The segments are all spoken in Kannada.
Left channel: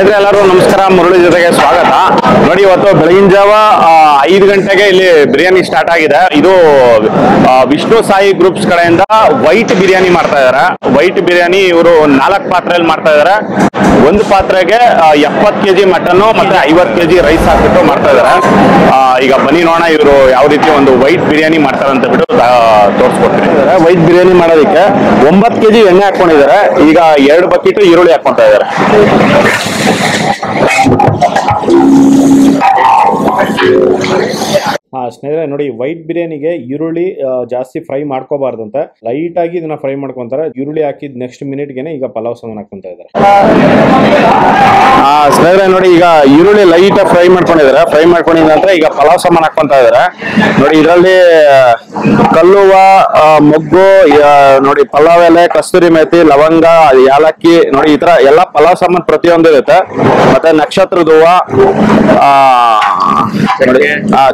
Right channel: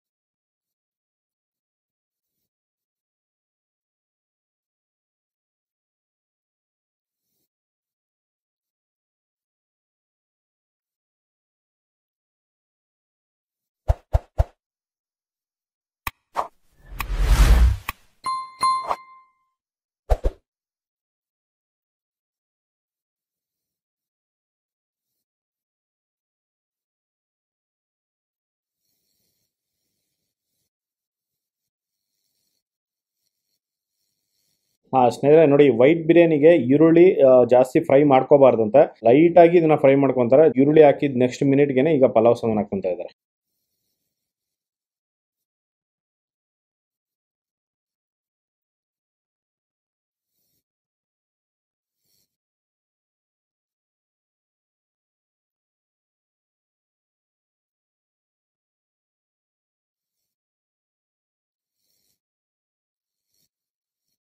ಸ್ನೇಹಿತರೆ ಎಲ್ಲರೂ ನಮಸ್ಕಾರ. ಮುರಳಿ ಜೊತೆಗೆ ಸ್ವಾಗತ. ನೋಡಿ, ಇವತ್ತು ಬೆಳಗಿನ ಜಾವ 5 ಗಂಟೆಗೆ ಇಲ್ಲಿ ಬಿರಿಯಾನಿ ಸ್ಟಾರ್ಟ್ ಆಗಿದೆ. ಇದು ವಿಷ್ಣು ಸಾಯಿ ಗ್ರೂಪ್ಸ್ ಕಡೆಯಿಂದ ವೈಟ್ ಬಿರಿಯಾನಿ ಮಾಡ್ತಾ ಇದಾರೆ. ವೈಟ್ ಬಿರಿಯಾನಿ ಇವರು 4 ಪಾತ್ರೆಯಲ್ಲಿ ಮಾಡ್ತಾ ಇದಾರೆ. ಒಂದು ಪಾತ್ರೆಗೆ 70 kg ಮಟನ್ ಮತ್ತೆ 50 kg ರೈಸ್ ಹಾಕ್ಬಿಟ್ಟು ಮಾಡ್ತಾ ಇದಾರೆ. ಈಗ ಬನ್ನಿ ನೋಡೋಣ ಇವರು ಯಾವ ರೀತಿ ಒಂದು ವೈಟ್ ಬಿರಿಯಾನಿ ಮಾಡ್ತಾರೆ ಅಂತ ಬಿಟ್ಟು ತೋರಿಸ್ಕೊಡ್ತೀನಿ. ವೈಟ್ ಬಿರಿಯಾನಿ ಮಾಡೋದಕ್ಕೆ 9 kg ಎಣ್ಣೆ ಹಾಕೊಂಡಿದ್ದಾರೆ. ಈಗ 2 ಬಕೆಟ್ ಈರುಳ್ಳಿ ಹಾಕೊಂತ ಇದ್ದಾರೆ. ಸ್ನೇಹಿತರೆ ನೋಡಿ, ವೈಟ್ ಬಿರಿಯಾನಿಗೆ ಈರುಳ್ಳಿ ಜಾಸ್ತಿ ಫ್ರೈ ಮಾಡ್ಕೋಬಾರ್ದಂತೆ, ಲೈಟ್ ಆಗಿ ಇದನ್ನ ಫ್ರೈ ಮಾಡ್ಕೊಂತಾರೆ. ಈರುಳ್ಳಿ ಹಾಕಿದ್ ನೆಕ್ಸ್ಟ್ ಮಿನಿಟ್ಗೆನೆ ಈಗ ಪಲಾವ್ ಸಾಮಾನು ಹಾಕೊಂತ ಇದ್ದಾರೆ. ಸ್ನೇಹಿತರೆ ನೋಡಿ, ಈಗ ಈರುಳ್ಳಿ ಲೈಟ್ ಫ್ರೈ ಮಾಡ್ಕೊಂಡಿದ್ದಾರೆ. ಫ್ರೈ ಮಾಡ್ಕೊಂಡಿದ ನಂತರ ಈಗ ಪಲಾವ್ ಸಾಮಾನು ಹಾಕೊಂತ ಇದ್ದಾರೆ. ನೋಡಿ, ಇದರಲ್ಲಿ ಕಲ್ಲುವ, ಮೊಗ್ಗು, ನೋಡಿ ಪಲಾವ್ ಎಲೆ, ಕಸ್ತೂರಿ ಮೇಥಿ, ಲವಂಗ, ಯಾಲಕ್ಕಿ, ನೋಡಿ ಈ ತರ ಎಲ್ಲ ಪಲಾವ್ ಸಾಮಾನು ಪ್ರತಿಯೊಂದು ಇರುತ್ತೆ. ಮತ್ತೆ ನಕ್ಷತ್ರದ ಹೂವ,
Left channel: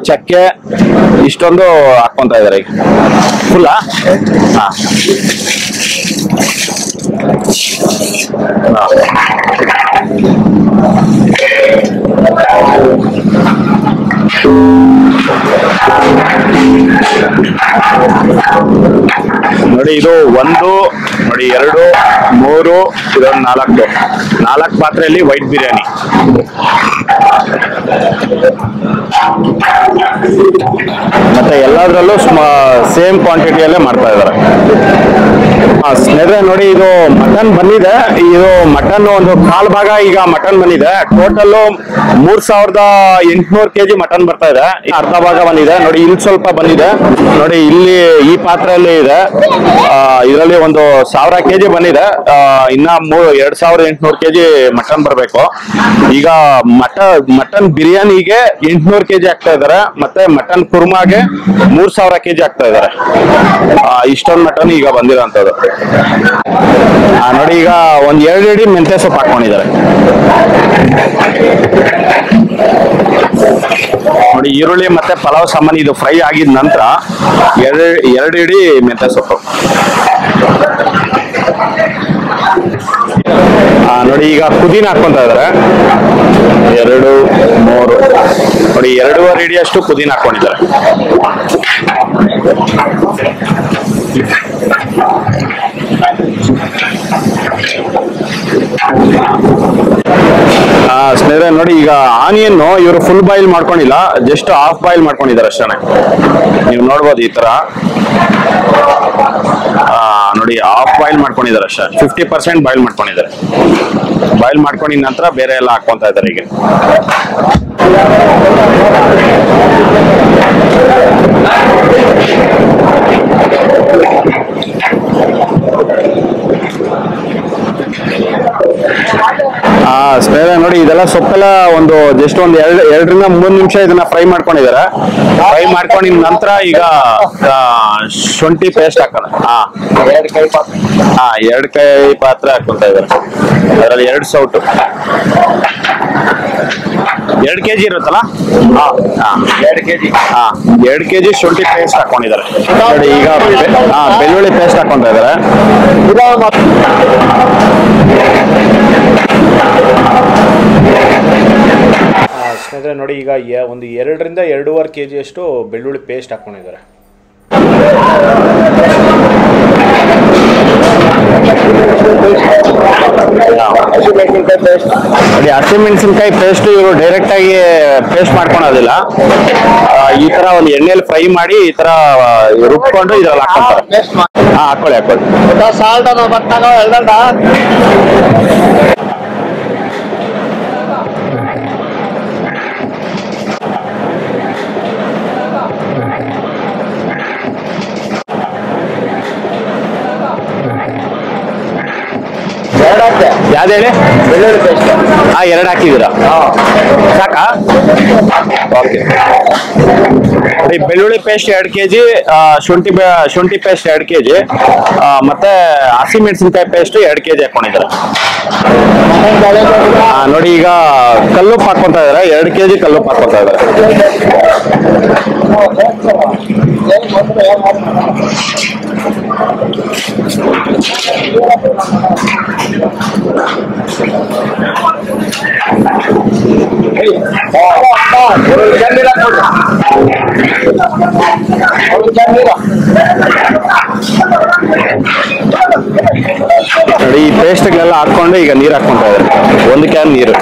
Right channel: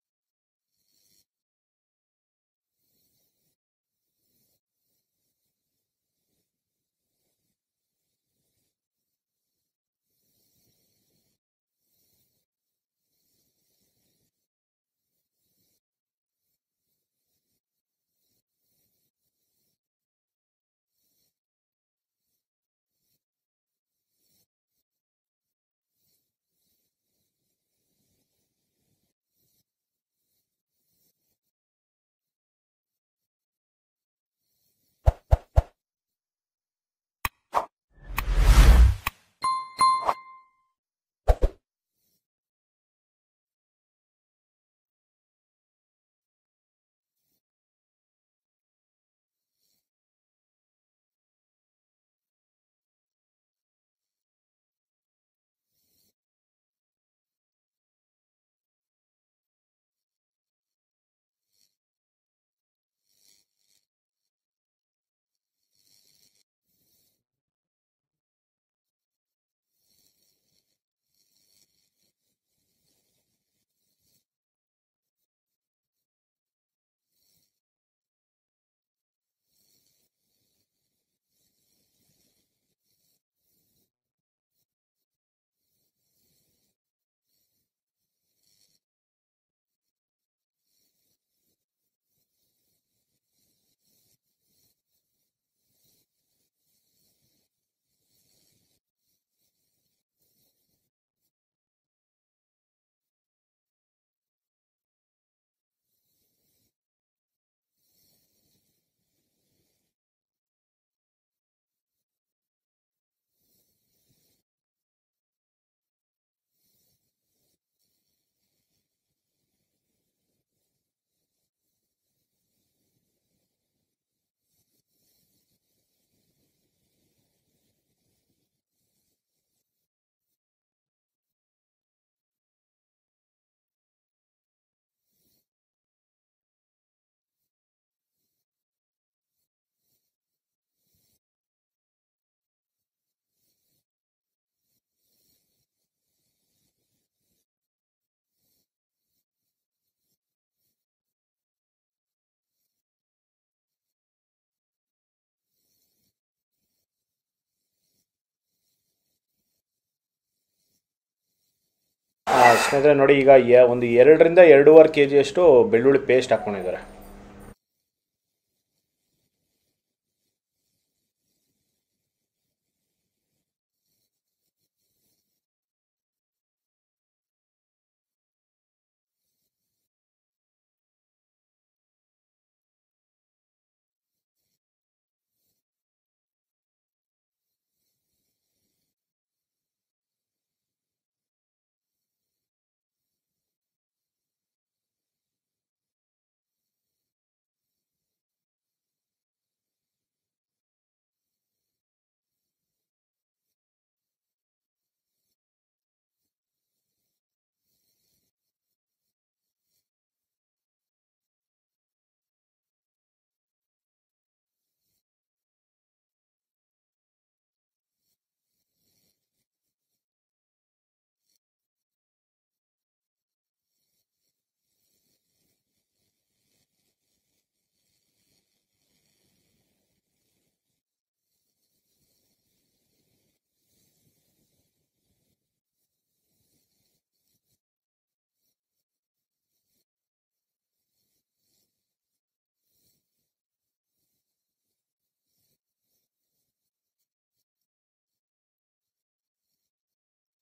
ಚಕ್ಕೆ, ಇಷ್ಟೊಂದು ಹಾಕೊಂತ ಇದಾರೆ. ಈಗ ಫುಲ್ಲ ನೋಡಿ, ಇದು 1, ನೋಡಿ 2, 3, ಇದೊಂದು 4 ಪಾತ್ರೆಯಲ್ಲಿ ವೈಟ್ ಬಿರಿಯಾನಿ. ಮತ್ತೆ ಎಲ್ಲದರಲ್ಲೂ ಸೇಮ್ ಕ್ವಾಂಟಿಟಿಯಲ್ಲೇ ಮಾಡ್ತಾ ಇದ್ದಾರೆ. ಸ್ನೇಹಿತರೆ ನೋಡಿ, ಇದು ಮಟನ್ ಬಂದಿದೆ. ಇದು ಮಟನ್ ಒಂದು 1/4 ಭಾಗ ಈಗ ಮಟನ್ ಬಂದಿದೆ. ಟೋಟಲ್ 3800 kg ಮಟನ್ ಬರ್ತಾ ಇದೆ. ಅರ್ಧ ಭಾಗ ಬಂದಿದೆ. ನೋಡಿ, ಇಲ್ಲಿ ಸ್ವಲ್ಪ ಬಂದಿದೆ. ನೋಡಿ, ಇಲ್ಲಿ ಈ ಪಾತ್ರೆಯಲ್ಲಿ ಇದೆ. ಇದರಲ್ಲಿ ಒಂದು 1000 kg ಬಂದಿದೆ. ಇನ್ನ 2800 kg ಮಟನ್ ಬರಬೇಕು. ಈಗ ಮಟನ್ ಬಿರಿಯಾನಿಗೆ 800 kg ಆಗ್ತಾ ಇದಾರೆ. ಮತ್ತೆ ಮಟನ್ ಕುರ್ಮಾಗೆ 3000 kg ಆಗ್ತಾ ಇದಾರೆ. ಇಷ್ಟೊಂದು ಮಟನ್ ಈಗ ಬಂದಿರೋಂಥದ್ದು. ನೋಡಿ, ಈಗ ಒಂದ್ 2 ಇಡಿ ಮೆಂತ್ಯ ಸೊಪ್ಪು ಹಾಕೊಂಡಿದ್ದಾರೆ. ನೋಡಿ, ಈರುಳ್ಳಿ ಮತ್ತೆ ಪಲಾವ್ ಸಾಮಾನು ಇದು ಫ್ರೈ ಆಗಿದ ನಂತರ 2 ಇಡಿ ಮೆಂತ್ಯ ಸೊಪ್ಪು. ನೋಡಿ, ಈಗ ಪುದೀನ ಹಾಕೊಂತ ಇದಾರೆ. 2, 3, ನೋಡಿ 2.5 ಇಡಿ ಅಷ್ಟು ಪುದೀನ ಹಾಕೊಂಡಿದ್ದಾರೆ. ಸ್ನೇಹಿತರೆ ನೋಡಿ, ಈಗ ಆನಿಯನ್ ಇವರು ಫುಲ್ ಬಾಯ್ಲ್ ಮಾಡ್ಕೊಂಡಿಲ್ಲ, ಜಸ್ಟ್ ಹಾಫ್ ಬಾಯ್ಲ್ ಮಾಡ್ಕೊಂಡಿದ್ದಾರೆ ಅಷ್ಟೇ. ನೀವು ನೋಡ್ಬೋದು ಈ ತರ. ನೋಡಿ, ಹಾಫ್ ಬಾಯ್ಲ್ ಮಾಡ್ಕೊಂಡಿದ್ದಾರೆ ಅಷ್ಟೇ. 50% ಬಾಯ್ಲ್ ಮಾಡ್ಕೊಂಡಿದ್ದಾರೆ. ಬಾಯ್ಲ್ ಮಾಡ್ಕೊಂಡಿದ ನಂತರ ಬೇರೆ ಎಲ್ಲ ಹಾಕೊಂತ ಇದ್ದಾರೆ. ಈಗ ಸ್ನೇಹಿತರೆ ನೋಡಿ, ಇದೆಲ್ಲ ಸೊಪ್ಪೆಲ್ಲ ಒಂದು ಜಸ್ಟ್ ಒಂದು 2ರಿಂದ 3 ನಿಮಿಷ ಇದನ್ನ ಫ್ರೈ ಮಾಡ್ಕೊಂಡಿದ್ದಾರೆ. ಫ್ರೈ ಮಾಡ್ಕೊಂಡಿದ ನಂತರ ಈಗ ಶುಂಠಿ ಪೇಸ್ಟ್ ಹಾಕೋಣ. 2 ಕೈ ಪಾತ್ರೆ ಹಾಕೊಂತ ಇದ್ದಾರೆ. ಅದರಲ್ಲಿ 2 ಸೌಟು 2 kg ಇರುತ್ತಲ್ಲ. 2 kg ಶುಂಠಿ ಪೇಸ್ಟ್ ಹಾಕೊಂಡಿದ್ದಾರೆ. ನೋಡಿ, ಈಗ ಬೆಳ್ಳುಳ್ಳಿ ಪೇಸ್ಟ್ ಹಾಕೊಂತ ಇದ್ದಾರೆ. ಸ್ನೇಹಿತರೆ ನೋಡಿ, ಈಗ ಒಂದು 2ರಿಂದ 2.5 kg ಅಷ್ಟು ಬೆಳ್ಳುಳ್ಳಿ ಪೇಸ್ಟ್ ಹಾಕೊಂಡಿದ್ದಾರೆ. ನೋಡಿ, ಹಸಿಮೆಣಸಿನ್ಕಾಯಿ ಪೇಸ್ಟ್ ಇವರು ಡೈರೆಕ್ಟ್ ಆಗಿ ಪೇಸ್ಟ್ ಮಾಡ್ಕೊಳೋದಿಲ್ಲ. ಈ ತರ ಒಂದು ಎಣ್ಣೆಯಲ್ಲಿ ಫ್ರೈ ಮಾಡಿ ಈ ತರ ರುಬ್ಕೊಂಡು ಇದ್ರಲ್ಲಿ ಹಾಕೊಂತಾರೆ. ಹಾಕೊಳ್ಳಿ. ಯಾವ್ದು ಹೇಳಿ? ಬೆಳ್ಳುಳ್ಳಿ ಪೇಸ್ಟ್ 2 ಹಾಕಿದ್ದೀರಾ? ಸಾಕಾ? ಓಕೆ. ನೋಡಿ, ಬೆಳ್ಳುಳ್ಳಿ ಪೇಸ್ಟ್ 2 kg, ಶುಂಠಿ ಪೇಸ್ಟ್ 2 kg, ಮತ್ತೆ ಹಸಿಮೆಣಸಿನ್ಕಾಯಿ ಪೇಸ್ಟ್ 2 kg ಹಾಕೊಂಡಿದ್ದಾರೆ. ನೋಡಿ, ಈಗ ಕಲ್ಲುಪ್ಪು ಹಾಕೊಂತ ಇದಾರೆ. 2 kg ಕಲ್ಲುಪ್ಪು ಹಾಕೊಂತ ಇದಾರೆ. ನೋಡಿ ಈ ಪೇಸ್ಟ್ಗಳೆಲ್ಲ ಹಾಕೊಂಡು ಈಗ ನೀರು ಹಾಕ್ಕೊಂತ ಇದ್ದಾರೆ, 1 ಕ್ಯಾನ್ ನೀರು.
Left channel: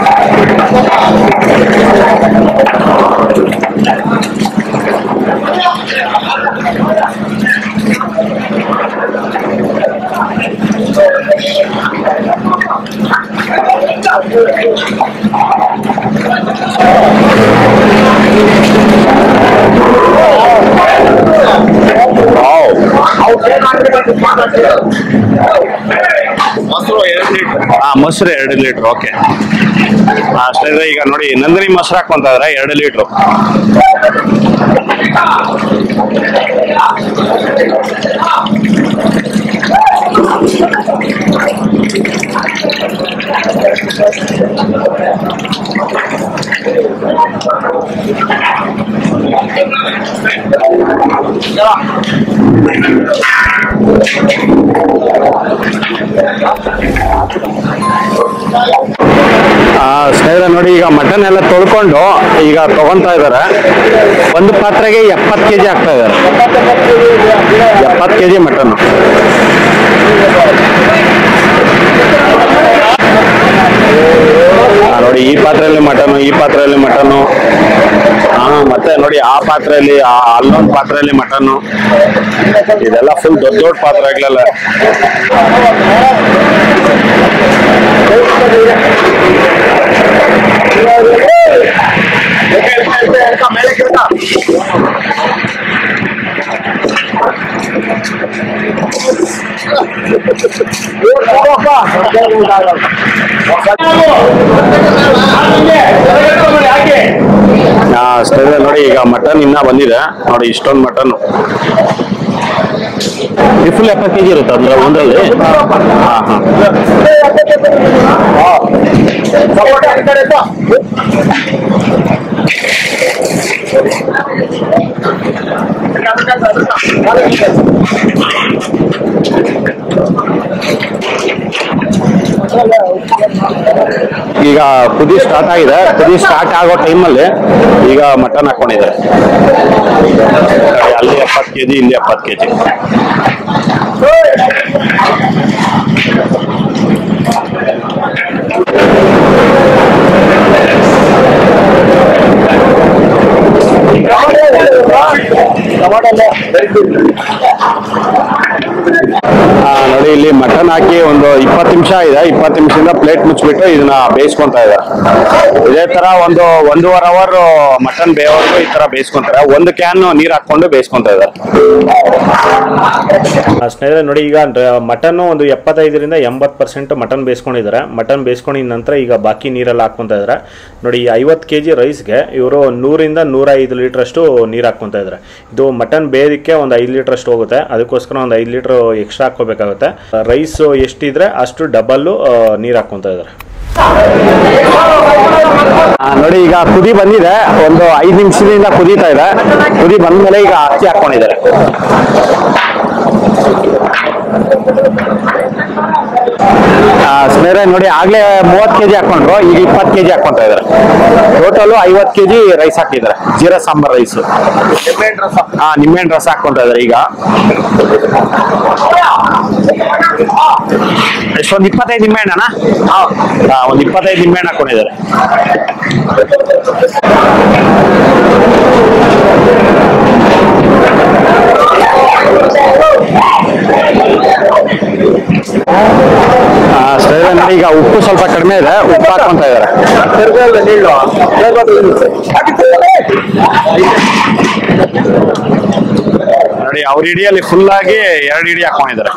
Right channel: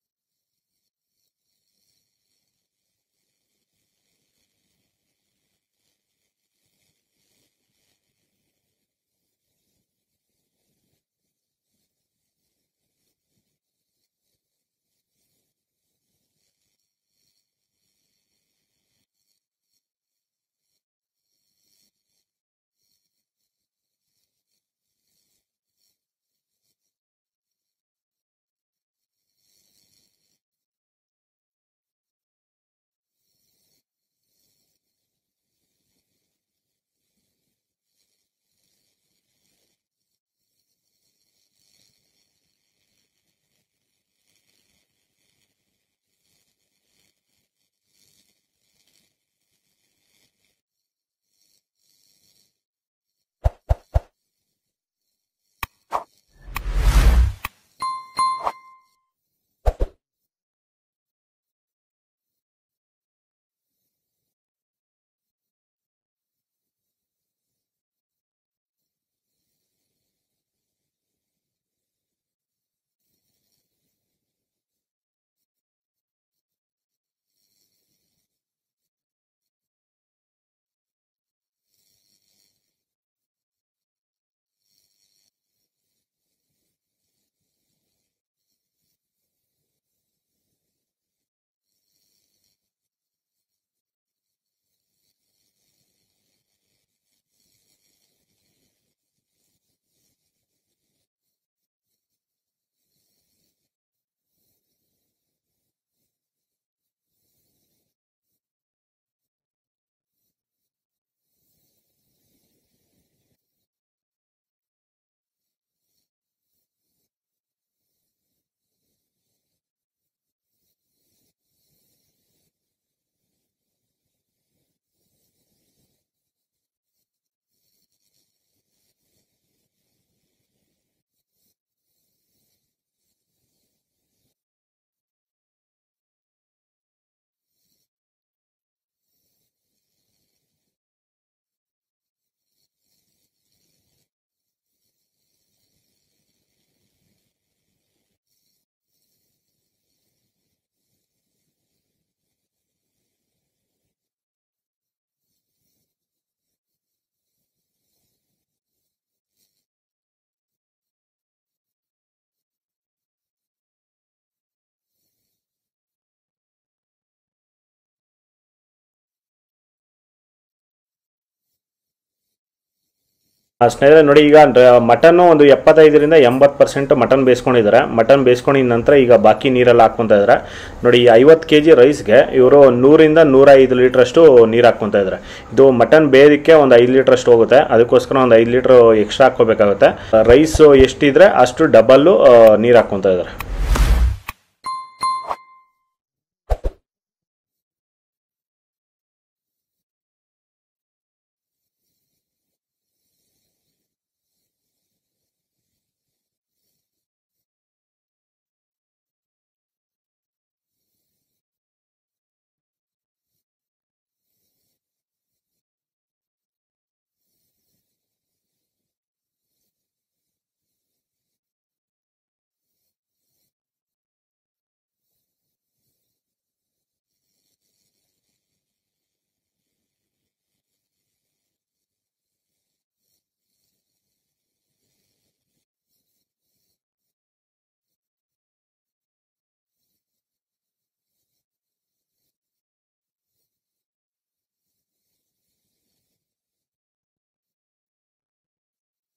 ಮೊಸರು 2 ಲೀಟರ್. ಓಕೆ, ಅಷ್ಟೇ. ಈಗ ನೋಡಿ ನಂದಿನಿ ಮೊಸರು ಹಾಕೊಂತ ಇದ್ರೆ 2 ಲೀಟರ್. ಸ್ನೇಹಿತರೆ ನೋಡಿ, ಈಗ ಮಟನ್ ಎಲ್ಲ ತೊಳ್ಕೊಂಡು ಈಗ ತಗೊಂತಾ ಇದಾರೆ. ಒಂದು ಪಾತ್ರೆಗೆ 70 kg ಆಗ್ತಾ ಇದಾರೆ. 70 kg ಮಟನ್. ನೋಡಿ ಈ ಪಾತ್ರೆಯಲ್ಲಿ ಮಟನು, ಈ ಪಾತ್ರೆಯಲ್ಲಿ ಮಟನು. ಮತ್ತೆ ನೋಡಿ ಆ ಪಾತ್ರೆಯಲ್ಲಿ, ಅಲ್ಲೊಂದು ಪಾತ್ರೆಯಲ್ಲಿ ಮಟನ್ನು. ಇದೆಲ್ಲ ಫುಲ್ ದೊಡ್ಡ ದೊಡ್ಡ ಪಾತ್ರೆಗಳೆಲ್ಲ. ಸ್ನೇಹಿತರೆ ನೋಡಿ, ಈಗ ಮಟನ್ ಇನ್ನ ಬಂದಿದೆ ನೋಡಿ, ಇಷ್ಟೊಂದು ಮಟನ್. ಫುಲ್ 70 kg ಇರುತ್ತೆ ಅಂದ್ರೆ ಒಂದ್ರಲ್ಲಿ. ಈಗ ಕುದಿ ಸ್ಟಾರ್ಟ್ ಆಗಿದೆ. ಕುದಿ ಸ್ಟಾರ್ಟ್ ಆಗೋ ಟೈಮಲ್ಲಿ ಈಗ ಮಟನ್ ಹಾಕೊಂಡಿದ್ದಾರೆ. ಅಲ್ಲಿ 70 kg, ಇಲ್ಲಿ 70 kg. ನೋಡಿ ಇಲ್ಲಿ ಮಟನ್ ಹಾಕಿ ಒಂದು 20 ನಿಮಿಷ ಇದೆ. 20 ನಿಮಿಷದಿಂದ ಪ್ಲೇಟ್ ಮುಚ್ಚಿಬಿಟ್ಟು ಇದನ್ನ ಬೇಯಿಸ್ಕೊಂತ ಇದ್ದಾರೆ. ಇದೇ ತರ ಒಂದು 1.5 ಅವರ್ ಮಟನ್ ಬೇಯೋವರೆಗೂ ಈ ತರ ಬೇಯಿಸ್ಕೊಂತಾರೆ. 1 ಕ್ಯಾನ್ ನೀರ್ ಹಾಕೊಂಡು ಬೇಯಿಸ್ಕೊಂತ ಇದ್ದಾರೆ. ಸ್ನೇಹಿತರೆ ನೋಡಿ, ಈಗ ಮಟನ್ ಒಂದು 75ರಿಂದ 80% ಮಟನ್ ಬೇಯಿಸ್ಕೊಂಡಿದ್ದಾರೆ. ಮಟನ್ ಬೇಯಿಸ್ಕೊಂಡಿದ ನಂತರ ಈಗ ಬಾಕಿ ನೀರೆಲ್ಲ ಹಾಕೊಂತ ಇದ್ದಾರೆ. ನೋಡಿ 50 kg ರೈಸ್ಗೆ ಇವರು 100ರಿಂದ 105 ಲೀಟರ್ ಅಷ್ಟು ನೀರು ಹಾಕೊಂತ ಇದ್ದಾರೆ. ಇದು ಮಟನ್ ಬೇಯೋದಕ್ಕೆ ಒಂದು 5 ಲೀಟರ್ ಅಷ್ಟು ಹೋಗುತ್ತೆ. ಅದಕ್ಕೋಸ್ಕರ ಒಂದು 5 ಲೀಟರ್ ಎಕ್ಸ್ಟ್ರಾ ಹಾಕೋಬೇಕಾಗುತ್ತೆ. ರೈಸ್ ಎಷ್ಟಿದ್ರೆ ಅಷ್ಟು ಡಬಲ್ ನೀರು ಹಾಕೊಂತ ಇದ್ದಾರೆ. ನೋಡಿ ಈಗ ಕುದಿ ಬಂದಿದೆ. ಒಂದು 5 ನಿಮಿಷದಿಂದ ಕುದೀತಾ ಇದೆ. ಕುದಿ ಬಂದ್ಮೇಲೆ ಈಗ ಅಕ್ಕಿ ಹಾಕೊಂಡಿದ್ದಾರೆ. ಸ್ನೇಹಿತರೆ ನೋಡಿ, ಆಗ್ಲೇ 30 kg ಹಾಕೊಂಡ್ರು, ಈಗ 20 kg ಹಾಕೊಂತ ಇದಾರೆ. ಟೋಟಲ್ 50 kg ರೈಸ್ ಹಾಕಿದ್ದಾರೆ. ಜೀರಾ ಸಾಂಬಾರ್ ರೈಸ್. ನಿಂಬೆಹಣ್ಣು ರಸ ಹಾಕೊಂತ ಇದಾರೆ. ಈಗ ಎಷ್ಟೊಂದು 25 ನಿಂಬೆಹಣ್ಣನ, ಒಂದು 25 ನಿಂಬೆಹಣ್ಣು ಹಾಕೊಂಡಿದ್ದಾರೆ. ನೋಡಿ ಈಗ ಉಪ್ಪು ಸ್ವಲ್ಪ ಕಡಿಮೆ ಇದೆ, ಉಪ್ಪು ಹಾಕೊಂತ ಇದ್ದಾರೆ. ನೋಡಿ ಅವ್ರ ಇಡಿಯಲ್ಲಿ ಫುಲ್ ಆಗಿ 2 ಇಡಿ ಹಾಕೊಂಡಿದ್ದಾರೆ.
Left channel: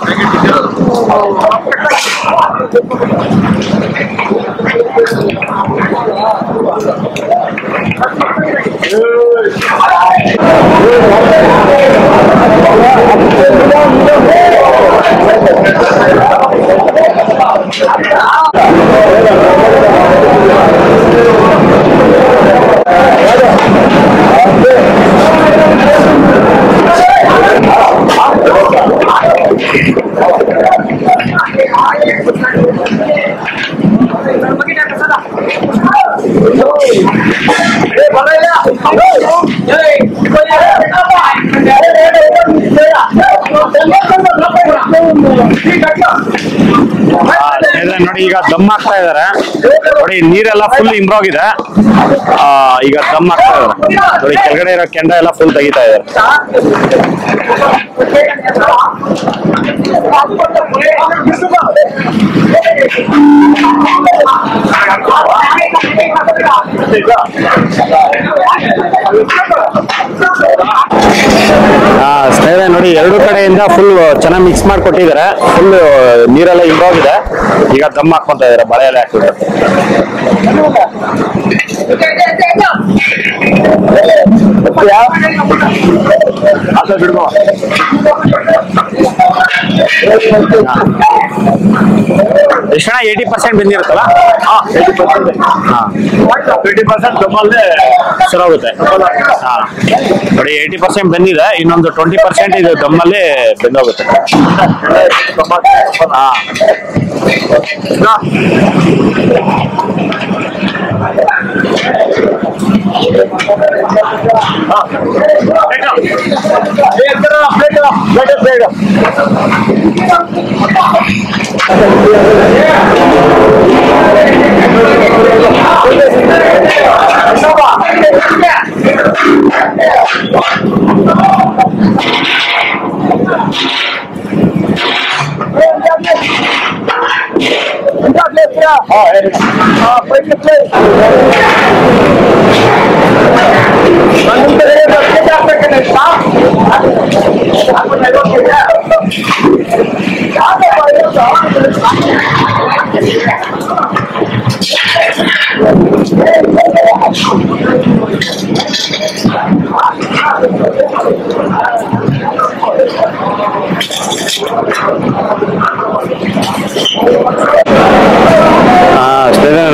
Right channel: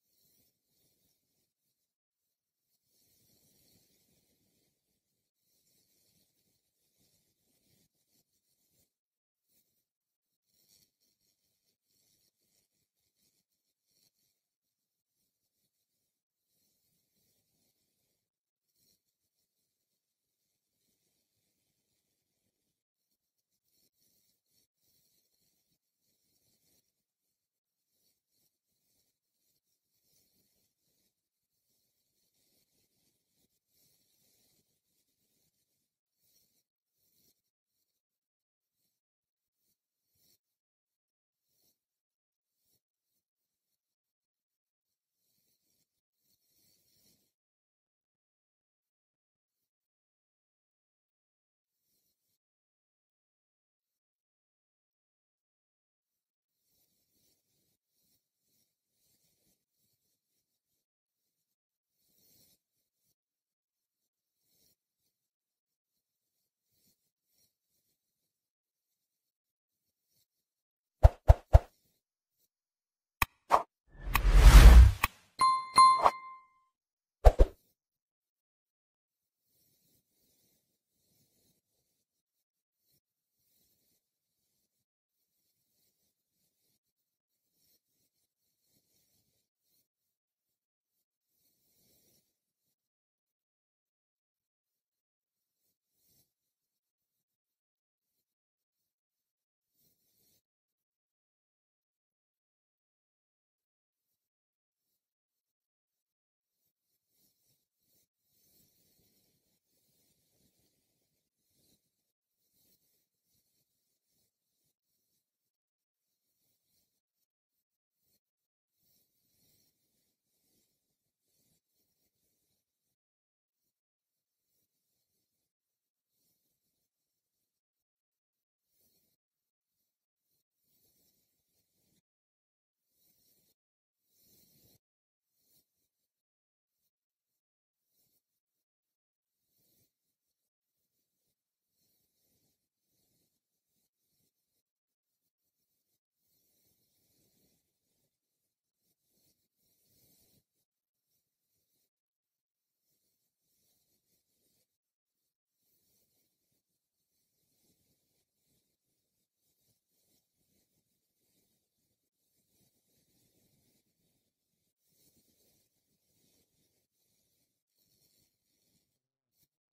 ನೋಡಿ ಈಗ ದಮ್ ಹಾಕ್ತಾ ಇದಾರೆ ನೋಡಿ, ನೀರೆಲ್ಲ ಫುಲ್ ಇಂಬ್ರೋಗಿದೆ. ಈಗ ದಮ್ ಹಾಕ್ತಾ ಇದಾರೆ ನೋಡಿ, ಕೆಳಗಡೆ ಇರೋ ಕೆಂಡ ಎಲ್ಲ ಫುಲ್ ತೆಗಿತಾ ಇದಾರೆ. ಸ್ನೇಹಿತರೆ ನೋಡಿ, ಎರಡು ಕಡೆಯಿಂದ ಫುಲ್ ಚೆನ್ನಾಗಿ ಮಿಕ್ಸ್ ಮಾಡಿಕೊಟ್ಟಿದ್ದಾರೆ. ಫುಲ್ ನೀರೆಲ್ಲ ಇಂಬೋಗಿದೆ. ಈಗ ದಮ್ ಹಾಕೊಂತ ಇದಾರೆ ಬಳೆ ಎಲ್ಲ ಹಾಕಿದ್ರೆ. ಎಷ್ಟು 80% ಬಂದಿರುತ್ತಲ್ಲ, 20% ದಮ್ಮಲ್ಲೇ ಸರೋಗುತ್ತೆ. ನೋಡಿ 80% ಬಂದಿದೆ, ಇನ್ನೊಂದು 20% ಇದು ದಮ್ಮಲ್ಲಿ ಬೆಂದೋಗುತ್ತೆ.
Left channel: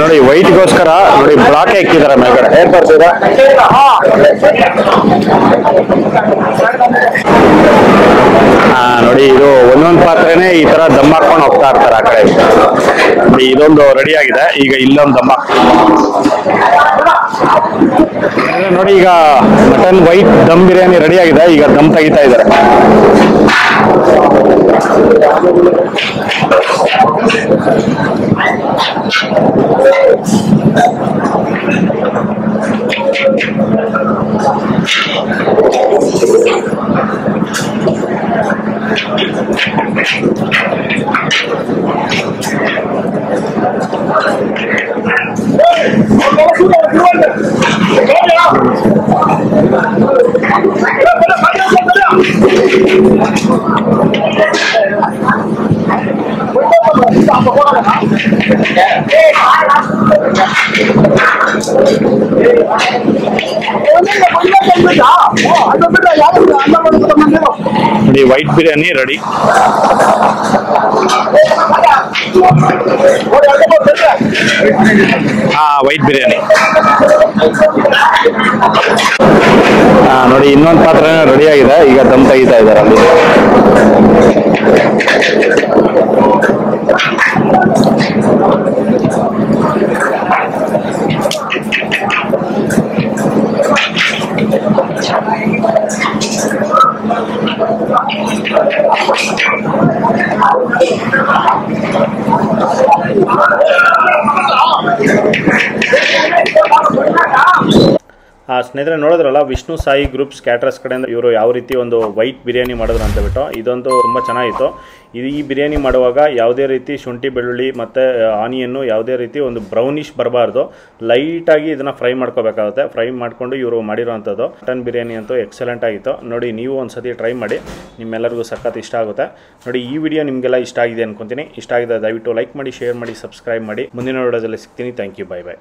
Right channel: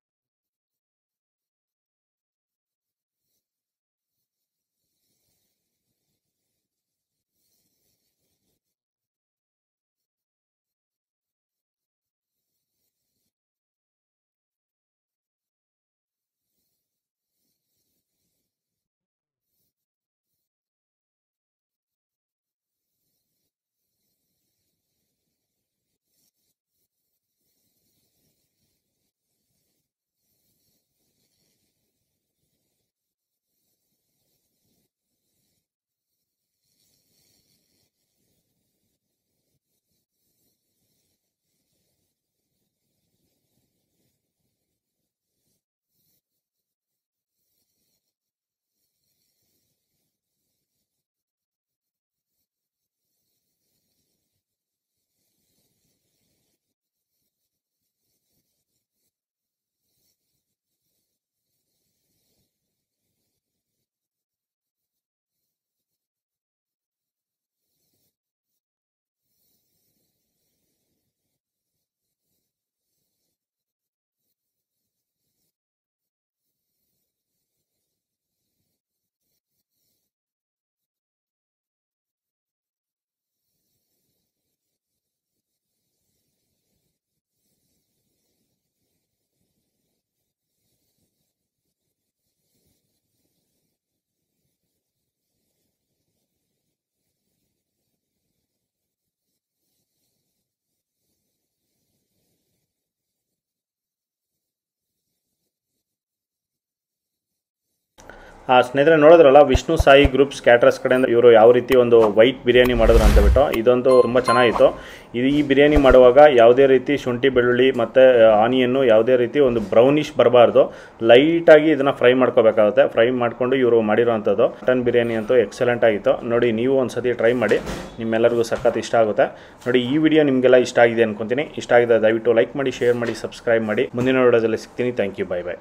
ನೋಡಿ ವೈಟ್ಗೋಸ್ಕರ ನೋಡಿ ಬ್ಲಾಕ್ ಹಾಕಿದ್ದಾರೆ ಮೇಲ್ಗಡೆ. ಏನ್ ಬರ್ತೀರಾ ನೋಡಿ, ಇದು ಒಂದೊಂದು ಪಾತ್ರೆನೇ ಈ ತರ ದಮ್ ಹಾಕೊಂಡು ಹೋಗ್ತಾ ಇರ್ತಾರೆ ಆ ಕಡೆ. ಇದೊಂದು ರೆಡಿ ಆಗಿದೆ, ಈಗ ಇಲ್ಲೊಂದು ದಮ್ ನೋಡಿ. ಈಗ mutton white dum biryani ready ಆಗಿದೆ, ಈಗ ದಮ್ ತೆಗಿತಾ ಇದ್ದಾರೆ. ನೋಡಿ white biryani ready. White biryani ನೋಡಿ, ಇನ್ನೊಂದು ಪಾತ್ರೆ ರೆಡಿ ಆಗಿದೆ, ಈಗ ದಮ್ ತೆಗಿತಾ ಇದ್ದಾರೆ ಅಲ್ಲಿ. ಸ್ನೇಹಿತರೆ ನೋಡಿದ್ರಲ್ಲ, ವಿಷ್ಣು ಸಾಯಿ ಗ್ರೂಪ್ಸ್ ಕ್ಯಾಟರರ್ಸ್ ಕಡೆಯಿಂದ ಇವರು ಯಾವ ರೀತಿ ಒಂದು ವೈಟ್ ಬಿರಿಯಾನಿ ಮಾಡಿದ್ರು ಅಂತ ಬಿಟ್ಟು, ಇದಂತೂ ತುಂಬ ಚೆನ್ನಾಗಿತ್ತು. ಈ ಬಿರಿಯಾನಿ ಮಾಡುವಾಗ ಯಾವುದೇ ರೀತಿ ಶುಂಠಿ ಬೆಳ್ಳುಳ್ಳಿ ಮತ್ತು ಆನಿಯನ್ನು ಯಾವುದೇ ರೀತಿ ಒಂದು ಬ್ರೌನಿಷ್ ಬರಬಾರ್ದು, ಲೈಟಾಗಿ ಇದನ್ನು ಫ್ರೈ ಮಾಡ್ಕೋಬೇಕಾಗುತ್ತೆ. ಫ್ರೈ ಮಾಡಿಕೊಂಡು ಇವರು ಮಾಡಿರೋವಂಥದ್ದು ಮಟನ್ ಬಿರಿಯಾನಿ ಅಂತೂ ಎಕ್ಸಲೆಂಟ್ ಆಗಿತ್ತು. ನೋಡಿ, ನೀವು ಒಂದು ಸತಿ ಟ್ರೈ ಮಾಡಿ, ನಿಮ್ಮೆಲ್ಲರಿಗೂ ಸಖತ್ ಇಷ್ಟ ಆಗುತ್ತೆ. ನೋಡಿ, ಈ ವಿಡಿಯೋ ನಿಮಗೆಲ್ಲ ಇಷ್ಟ ಆಗಿದೆ ಅನ್ಕೊತೀನಿ. ಇಷ್ಟ ಆಗಿದೆ ದಯವಿಟ್ಟು ಲೈಕ್ ಮಾಡಿ, ಶೇರ್ ಮಾಡಿ, ಸಬ್ಸ್ಕ್ರೈಬ್ ಮಾಡಿ. ಮುಂದಿನ ವಿಡಿಯೋದಲ್ಲಿ ಸಿಗ್ತೀನಿ. Thank you, bye by.